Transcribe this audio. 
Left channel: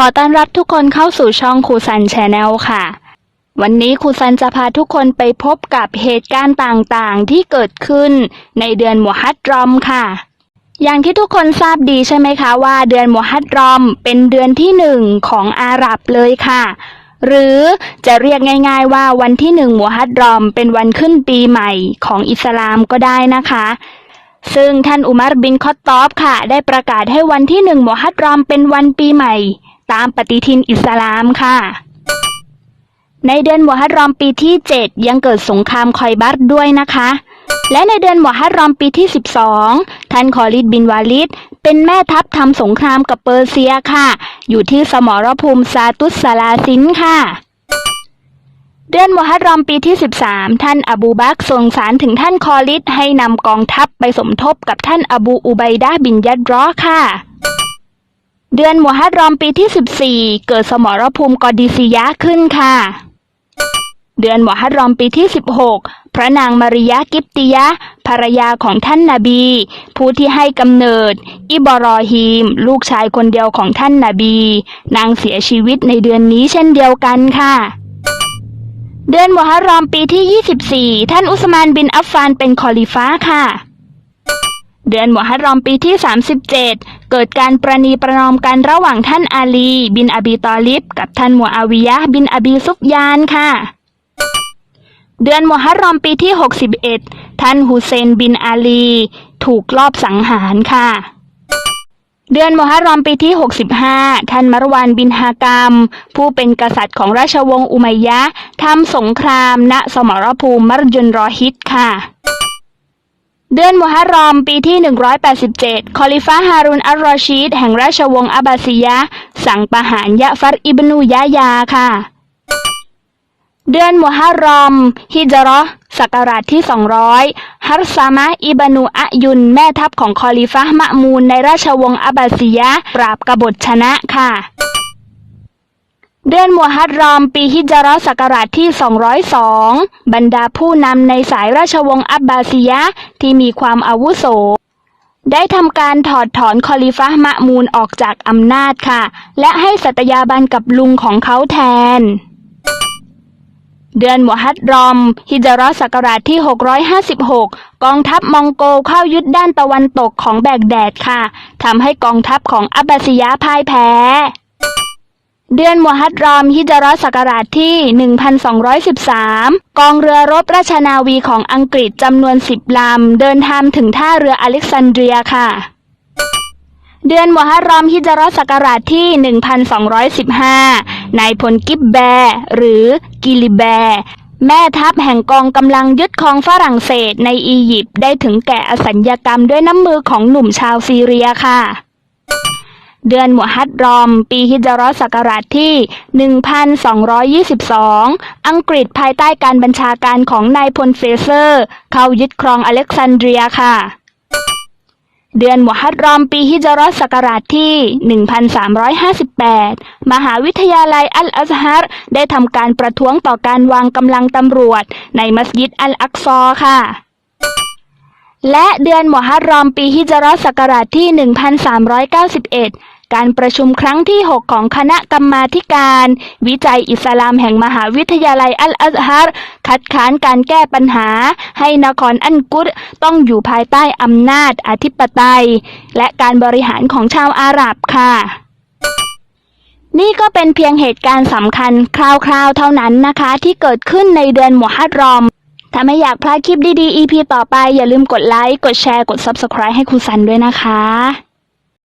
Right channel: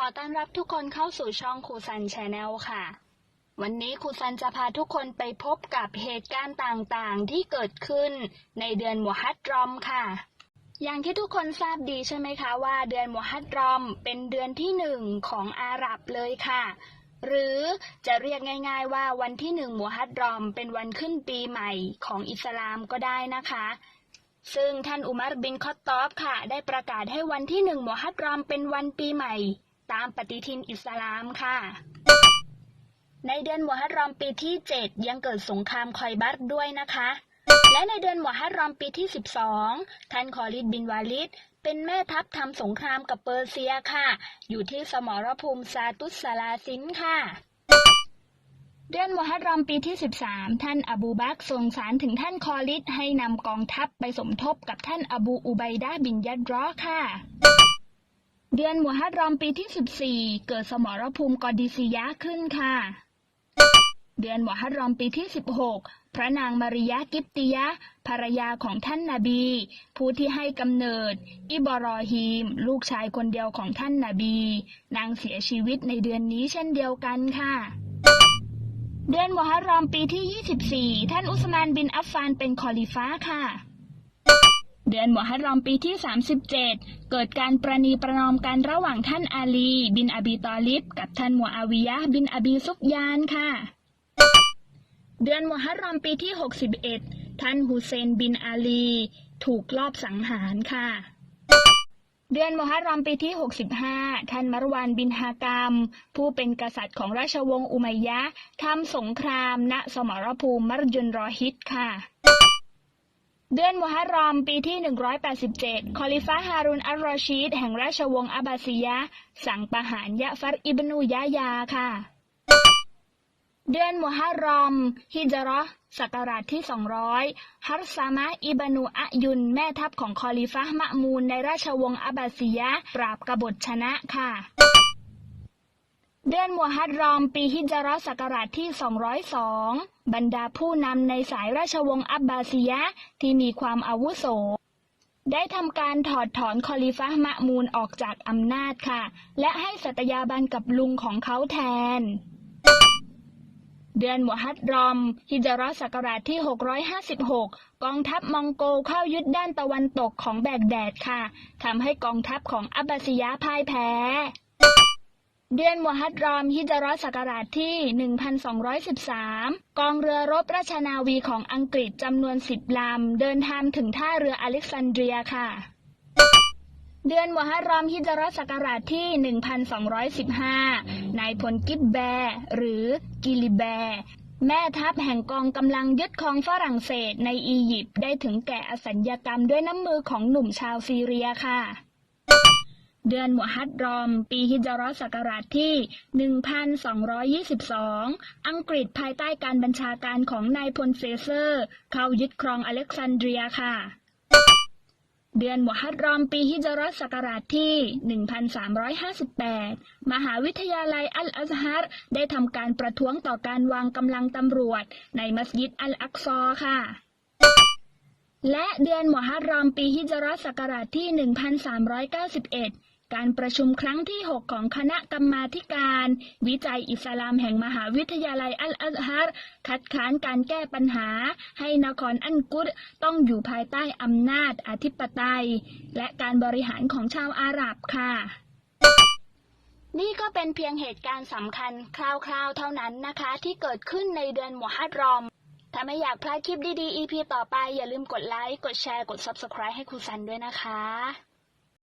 ขอต้อนรับทุกคนเข้าสู่ช่องครูซันชาแนลค่ะ วันนี้ครูซันจะพาทุกคนไปพบกับเหตุการณ์ต่างๆ ที่เกิดขึ้นในเดือนมุฮัรรอมค่ะ อย่างที่ทุกคนทราบดีใช่ไหมคะว่าเดือนมุฮัรรอมเป็นเดือนที่หนึ่งของอาหรับเลยค่ะ หรือจะเรียกง่าย ๆ ว่าวันที่หนึ่งมุฮัรรอมเป็นวันขึ้นปีใหม่ของอิสลามก็ได้นะคะซึ่งท่านอุมัรบินคอตตอบค่ะ ได้ประกาศให้วันที่หนึ่งมุฮัรรอมเป็นวันปีใหม่ ตามปฏิทินอิสลามค่ะ ในเดือนมุฮัรรอมปีที่ 7 ยังเกิดสงครามคอยบัตด้วยนะคะ และในเดือนมุฮัรรอมปีที่ 12 ท่านคอลิดบินวาลิดเป็นแม่ทัพทำสงครามกับเปอร์เซียค่ะ อยู่ที่สมรภูมิซาตุสซาลาซินค่ะเดือนมุฮัรรอมปีที่ 13 ท่านอบูบักส่งสารถึงท่านคอลิดให้นำกองทัพไปสมทบกับท่านอบูอุบัยดะห์บินยัดรอค่ะ เดือนมุฮัรรอมปีที่ 14 เกิดสมรภูมิกอดิซิยะขึ้นค่ะ เดือนมุฮัรรอมปีที่ 16 พระนางมาริยะกิปติยะภรรยาของท่านนาบี ผู้ที่ให้กำเนิด อิบรอฮีม ลูกชายคนเดียวของท่านนาบี นางเสียชีวิตในเดือนนี้เช่นเดียวกันค่ะเดือนมุฮัรรอมปีที่ 24 ท่านอุสมานบินอัฟฟานเป็นคอลิฟ้าค่ะ เดือนมุฮัรรอมปีที่ 37 เกิดการประนีประนอมกันระหว่างท่านอาลี บินอบีตอลิบกับท่านมูอาวิยะบินอบีซุฟยานค่ะ เดือนมุฮัรรอมปีที่ 61 ท่านฮุเซนบินอาลี ถูกลอบสังหารค่ะ เดือนมุฮัรรอมปีที่ 65 ท่านมารวานบินฮากามผู้เป็นกษัตริย์ของราชวงศ์อุมัยยะทำสงครามณสมรภูมิมรยุนรอฮิดค่ะ เดือนมุฮัรรอมปีที่ 187 คอลิฟะฮารุนอัลรอชีดแห่งราชวงศ์อับบาซียะ สั่งประหารยะฟัรอิบนูยะยาค่ะ เดือนมุฮัรรอม ฮิจราะห์ศักราชที่ 200 ฮัรซามะอิบนูอะยุน แม่ทัพของคอลิฟะห์มะมูนในราชวงศ์อับบาซียะ ปราบกบฏชนะค่ะ เดือนมุฮัรรอมปีฮิจราะห์ศักราชที่ 202 บรรดาผู้นำในสายราชวงศ์อับบาซียะที่มีความอาวุโส ได้ทำการถอดถอนคอลิฟะห์มะมูนออกจากอำนาจค่ะ และให้สัตยาบันกับลุงของเขาแทน เดือนมุฮัรรอม ฮิจราะห์ศักราชที่ 656 กองทัพมองโกเข้ายึดด้านตะวันตกของแบกแดดค่ะทำให้กองทัพของอับบาซียะพ่ายแพ้ เดือนมุฮัรรอมฮิจราะห์ศักราชที่ 1213 กองเรือรบราชนาวีของอังกฤษจำนวน 10 ลำ เดินทางถึงท่าเรืออเล็กซานเดรียค่ะ เดือนมุฮัรรอมฮิจราะห์ศักราชที่ 1215 นายพลกิบแบร์หรือกิลิแบร์แม่ทัพแห่งกองกำลังยึดครองฝรั่งเศสในอียิปต์ได้ถึงแก่อสัญญกรรมด้วยน้ำมือของหนุ่มชาวซีเรียค่ะ เดือนมุฮัรรอม ปีฮิจราะห์ศักราชที่ 1222 อังกฤษภายใต้การบัญชาการของนายพลเฟเซอร์ เข้ายึดครองอเล็กซานเดรียค่ะ เดือนมุฮัรรอม ปีฮิจราะห์ศักราชที่ 1358 มหาวิทยาลัยอัลอัซฮัรได้ทำการประท้วงต่อการวางกำลังตำรวจ ในมัสยิดอัลอักซอค่ะและเดือนมุฮัรรอมปีฮิจราะห์ศักราชที่ 1391 การประชุมครั้งที่ 6 ของคณะกรรมาการ วิจัยอิสลามแห่งมหาวิทยาลัยอัลอัซฮัรคัดค้านการแก้ปัญหา ให้นครอันกุรต้องอยู่ภายใต้อำนาจอธิปไตย และการบริหารของชาวอาหรับค่ะนี่ก็เป็นเพียงเหตุการณ์สำคัญคร่าวๆ เท่านั้นนะคะ ที่เกิดขึ้นในเดือนมุฮัรรอม ถ้าไม่อยากพลาดคลิปดีๆ EP ต่อไป อย่าลืมกดไลค์ กดแชร์ กด Subscribe ให้ครูซันด้วยนะคะ